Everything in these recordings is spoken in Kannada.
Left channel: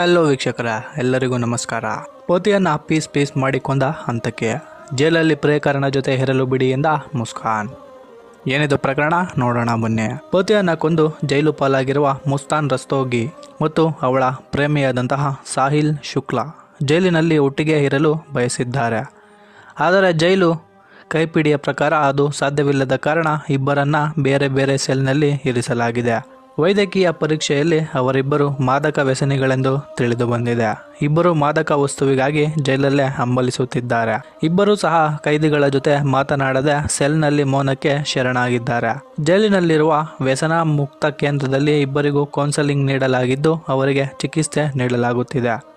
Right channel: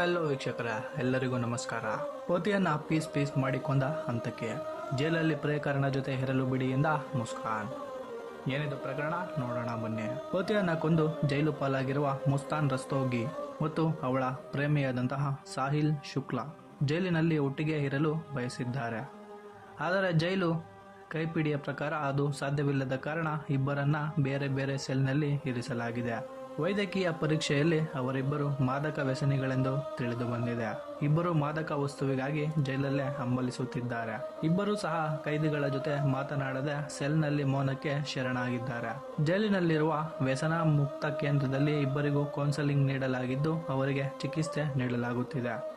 ಹಲೋ ವೀಕ್ಷಕರ. ಎಲ್ಲರಿಗೂ ನಮಸ್ಕಾರ. ಪೋತಿಯನ್ನು ಪೀಸ್ ಪೀಸ್ ಮಾಡಿಕೊಂಡ ಹಂತಕ್ಕೆ ಜೈಲಲ್ಲಿ ಪ್ರೇಕರಣ ಜೊತೆ ಹೆರಲು ಬಿಡಿ ಎಂದ ಮುಸ್ಕಾನ್. ಏನಿದು ಪ್ರಕರಣ? ನೋಡೋಣ ಬನ್ನಿ ಪೋತಿಯನ್ನ ಕೊಂದು ಜೈಲು ಪಾಲಾಗಿರುವ ಮುಸ್ತಾನ್ ರಸ್ತೋಗಿ ಮತ್ತು ಅವಳ ಪ್ರೇಮಿಯಾದಂತಹ ಸಾಹಿಲ್ ಶುಕ್ಲಾ ಜೈಲಿನಲ್ಲಿ ಒಟ್ಟಿಗೆ ಇರಲು ಬಯಸಿದ್ದಾರೆ. ಆದರೆ ಜೈಲು ಕೈಪಿಡಿಯ ಪ್ರಕಾರ ಅದು ಸಾಧ್ಯವಿಲ್ಲದ ಕಾರಣ ಇಬ್ಬರನ್ನ ಬೇರೆ ಬೇರೆ ಸೆಲ್ನಲ್ಲಿ ಇರಿಸಲಾಗಿದೆ. ವೈದ್ಯಕೀಯ ಪರೀಕ್ಷೆಯಲ್ಲಿ ಅವರಿಬ್ಬರು ಮಾದಕ ವ್ಯಸನಿಗಳೆಂದು ತಿಳಿದು ಬಂದಿದೆ. ಇಬ್ಬರು ಮಾದಕ ವಸ್ತುವಿಗಾಗಿ ಜೈಲಲ್ಲೇ ಹಂಬಲಿಸುತ್ತಿದ್ದಾರೆ. ಇಬ್ಬರೂ ಸಹ ಕೈದಿಗಳ ಜೊತೆ ಮಾತನಾಡದೆ ಸೆಲ್ನಲ್ಲಿ ಮೌನಕ್ಕೆ ಶರಣಾಗಿದ್ದಾರೆ. ಜೈಲಿನಲ್ಲಿರುವ ವ್ಯಸನ ಮುಕ್ತ ಕೇಂದ್ರದಲ್ಲಿ ಇಬ್ಬರಿಗೂ ಕೌನ್ಸೆಲಿಂಗ್ ನೀಡಲಾಗಿದ್ದು, ಅವರಿಗೆ ಚಿಕಿತ್ಸೆ ನೀಡಲಾಗುತ್ತಿದೆ.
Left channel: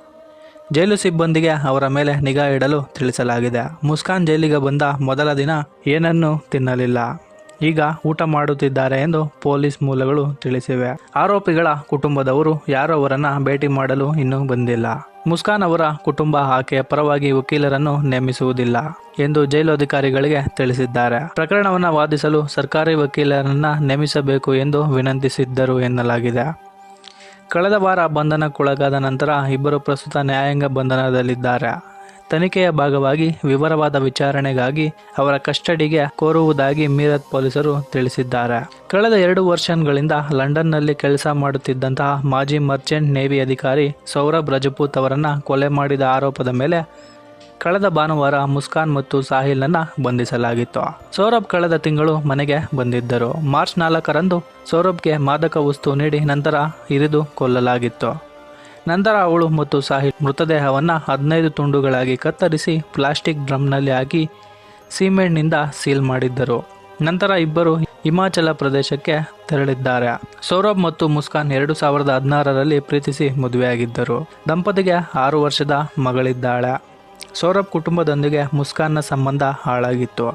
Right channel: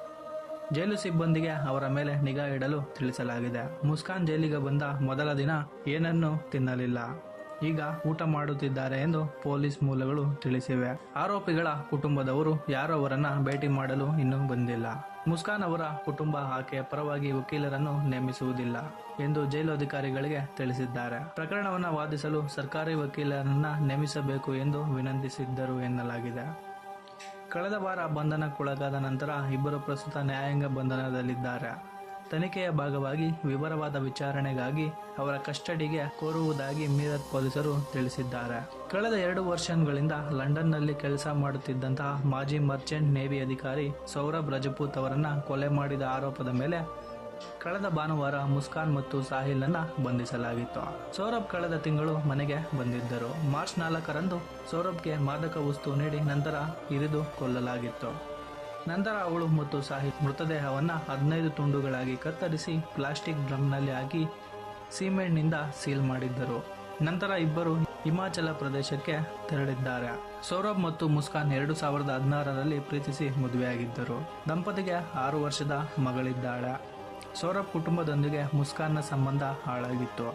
ಜೈಲು ಸಿಬ್ಬಂದಿಗೆ ಅವರ ಮೇಲೆ ನಿಗಾ ಇಡಲು ತಿಳಿಸಲಾಗಿದೆ. ಮುಸ್ಕಾನ್ ಜೈಲಿಗೆ ಬಂದ ಮೊದಲ ದಿನ ಏನನ್ನೂ ತಿನ್ನಲಿಲ್ಲ. ಈಗ ಊಟ ಮಾಡುತ್ತಿದ್ದಾರೆ ಎಂದು ಪೊಲೀಸ್ ಮೂಲಗಳು ತಿಳಿಸಿವೆ. ಆರೋಪಿಗಳ ಕುಟುಂಬದವರು ಯಾರು ಅವರನ್ನ ಭೇಟಿ ಮಾಡಲು ಇನ್ನೂ ಬಂದಿಲ್ಲ. ಮುಸ್ಕಾನ್ ಅವರ ಕುಟುಂಬ ಆಕೆಯ ಪರವಾಗಿ ವಕೀಲರನ್ನು ನೇಮಿಸುವುದಿಲ್ಲ ಎಂದು ಜೈಲು ಅಧಿಕಾರಿಗಳಿಗೆ ತಿಳಿಸಿದ್ದಾರೆ. ಪ್ರಕರಣವನ್ನು ವಾದಿಸಲು ಸರ್ಕಾರಿ ವಕೀಲರನ್ನ ನೇಮಿಸಬೇಕು ಎಂದು ವಿನಂತಿಸಿದ್ದರು ಎನ್ನಲಾಗಿದೆ. ಕಳೆದ ವಾರ ಬಂಧನಕ್ಕೊಳಗಾದ ನಂತರ ಇಬ್ಬರು ಪ್ರಸ್ತುತ ನ್ಯಾಯಾಂಗ ಬಂಧನದಲ್ಲಿದ್ದಾರೆ. ತನಿಖೆಯ ಭಾಗವಾಗಿ ವಿವರವಾದ ವಿಚಾರಣೆಗಾಗಿ ಅವರ ಕಸ್ಟಡಿಗೆ ಕೋರುವುದಾಗಿ ಮೀರತ್ ಪೊಲೀಸರು ತಿಳಿಸಿದ್ದಾರೆ. ಕಳೆದ ಎರಡು ವರ್ಷಗಳಿಂದ ಲಂಡನ್ನಲ್ಲಿ ಕೆಲಸ ಮಾಡುತ್ತಿದ್ದಂತಹ ಮಾಜಿ ಮರ್ಚೆಂಟ್ ನೇವಿ ಅಧಿಕಾರಿ ಸೌರಭ್ ರಜಪೂತ್ ಅವರನ್ನು ಕೊಲೆ ಮಾಡಿದ ಆರೋಪದ ಮೇಲೆ ಕಳೆದ ಭಾನುವಾರ ಮುಸ್ಕಾನ್ ಮತ್ತು ಸಾಹಿಲ್ನನ್ನ ಬಂಧಿಸಲಾಗಿತ್ತು. ಸೌರಭ್ ಕಳೆದ ತಿಂಗಳು ಮನೆಗೆ ಬಂದಿದ್ದರು. ಮಾರ್ಚ್ ನಾಲ್ಕರಂದು ಸೌರಭ್ಗೆ ಮಾದಕ ವಸ್ತು ನೀಡಿ ನಂತರ ಇರಿದು ಕೊಲ್ಲಲಾಗಿತ್ತು. ನಂತರ ಅವಳು ಮತ್ತು ಸಾಹಿಲ್ ಮೃತದೇಹವನ್ನು ಹದಿನೈದು ತುಂಡುಗಳಾಗಿ ಕತ್ತರಿಸಿ ಪ್ಲಾಸ್ಟಿಕ್ ಡ್ರಮ್ನಲ್ಲಿ ಹಾಕಿ ಸಿಮೆಂಟ್ನಿಂದ ಸೀಲ್ ಮಾಡಿದ್ದರು. ನಂತರ ಇಬ್ಬರು ಹಿಮಾಚಲ ಪ್ರದೇಶಕ್ಕೆ ತೆರಳಿದ್ದಾರೆ. ಸೌರಭ್ ಮತ್ತು ಮುಸ್ಕಾನ್ ಎರಡು ಸಾವಿರದ ಹದಿನಾರರಲ್ಲಿ ಪ್ರೀತಿಸಿ ಮದುವೆಯಾಗಿದ್ದರು. ದಂಪತಿಗೆ ಆರು ವರ್ಷದ ಮಗಳಿದ್ದಾಳೆ. ಸೌರಭ್ ಕುಟುಂಬದೊಂದಿಗೆ ಮುಸ್ಕಾನ್ನ ಸಂಬಂಧ ಹಾಳಾಗಿತ್ತು.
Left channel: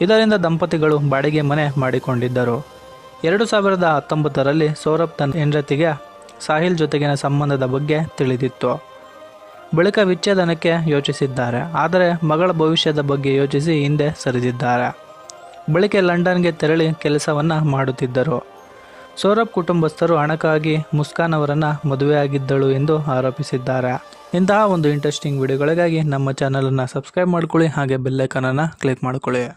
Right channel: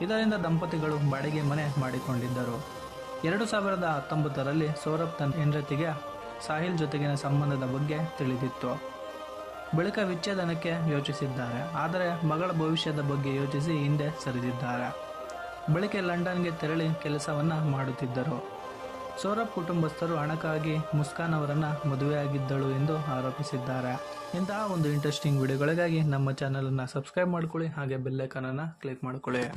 ಇದರಿಂದ ದಂಪತಿಗಳು ಬಾಡಿಗೆ ಮನೆ ಮಾಡಿಕೊಂಡಿದ್ದರು. ಎರಡು ಸಾವಿರದ ಹತ್ತೊಂಬತ್ತರಲ್ಲಿ ಸೌರಭ್ ತನ್ನ ಹೆಂಡತಿಗೆ ಸಾಹಿಲ್ ಜೊತೆಗಿನ ಸಂಬಂಧದ ಬಗ್ಗೆ ತಿಳಿದಿತ್ತು. ಬಳಿಕ ವಿಚ್ಛೇದನಕ್ಕೆ ಯೋಚಿಸಿದ್ದಾರೆ. ಆದರೆ ಮಗಳ ಭವಿಷ್ಯದ ಬಗ್ಗೆ ಯೋಚಿಸಿ ಹಿಂದೆ ಸರಿದಿದ್ದಾರೆ. ಬಳಿಕ ಲಂಡನ್ಗೆ ತೆರಳಿ ಕೆಲಸವನ್ನು ಮಾಡುತ್ತಿದ್ದರು. ಸೌರಭ್ ಕುಟುಂಬಸ್ಥರು ಹಣಕ್ಕಾಗಿ ಮುಸ್ಕಾನ್ ಅವರನ್ನು ಮದುವೆಯಾಗಿದ್ದಳು ಎಂದು ಆರೋಪಿಸಿದ್ದಾರೆ. ಇಂತಹ ಒಂದು ಇಂಟ್ರೆಸ್ಟಿಂಗ್ ವಿಡಿಯೋಗಳಿಗಾಗಿ ನಮ್ಮ ಚಾನಲನ್ನು ಸಬ್ಸ್ಕ್ರೈಬ್ ಮಾಡ್ಕೊಳ್ಳಿ. ಹಾಗೆ ಬೆಲ್ಲೈಕನನ್ನು ಕ್ಲಿಕ್ ಮಾಡ್ಕೊಳ್ಳಿ.